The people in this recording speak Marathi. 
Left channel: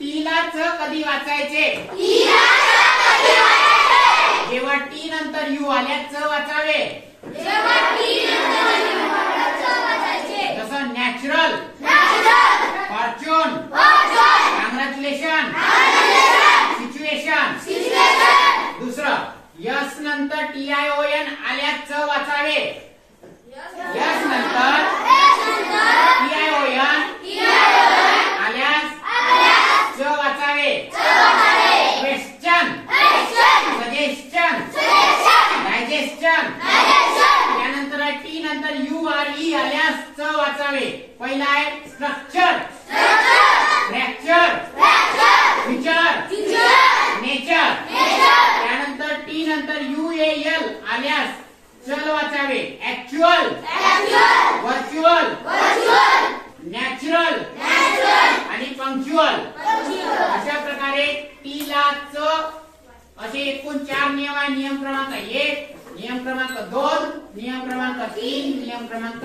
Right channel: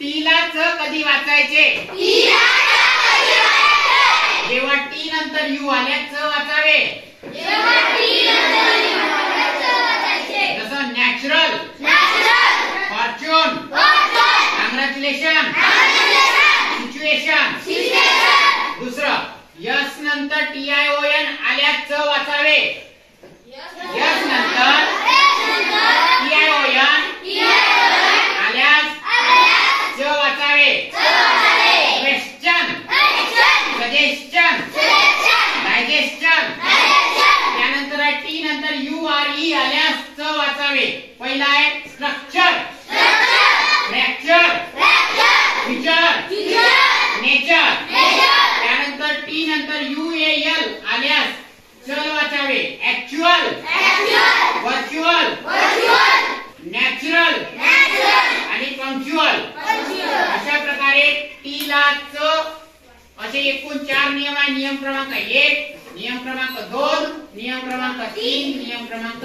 टी ला च कधी वाचायचे? जेव्हा टी नंतर यू आल्यास च वाचावे. जसं नॅचरल, फॉर्च्यून, कॉंग्रॅच्युलेशन, सिच्युएशन. दुसरं, यस नंतर TION आल्यास च वाचावे. यस नंतर TION आल्यास च वाचावे. Question, suggestion, digestion. त्यानंतर टी नंतर URE आल्यास च वाचावे. पहिला आहे स्ट्रक्चर, फ्रॅक्चर, फीचर, नेचर. त्यानंतर टी नंतर UAL आल्यास चल वाचावे. ऍक्च्युअल, व्हर्च्युअल, नॅचरल आणि पंक्च्युअल. अशा प्रकारे टी ला च असे एकूण 4 नियम आहे. नियम क्रमांक 1, नियम क्रमांक 2, नियम क्रमांक 3, नियम क्रमांक